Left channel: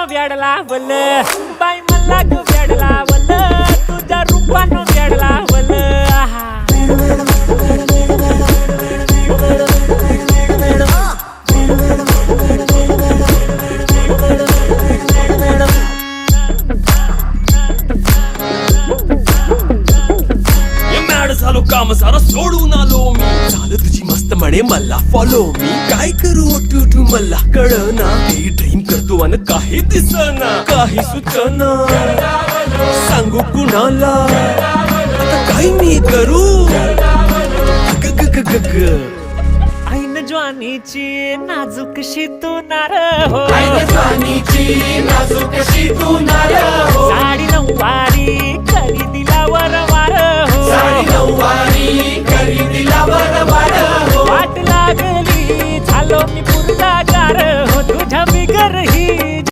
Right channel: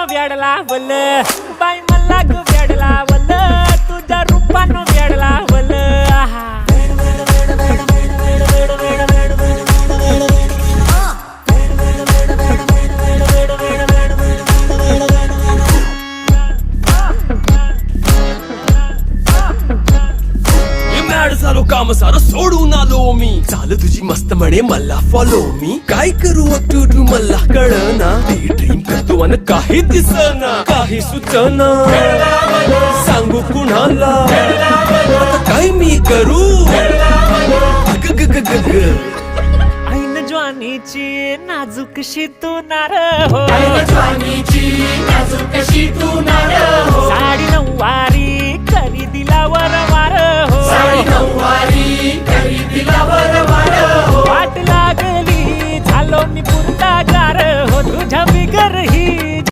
रूपानं वेड लावल बाई मला ग वेड लावल तुझ्या रूपानं वेड लावल आहा झालो काम सारं सोडून आलो मी झालं तुझी मस्त म्हणे मला फॉलो मी काय करू उठू मला कळना ती ड्रीम करतो आणि काही दिसना काही सुचना सांगू कुणाला आता काय मी करू ऐन ज्वानीची नाजूकशी तू नार हो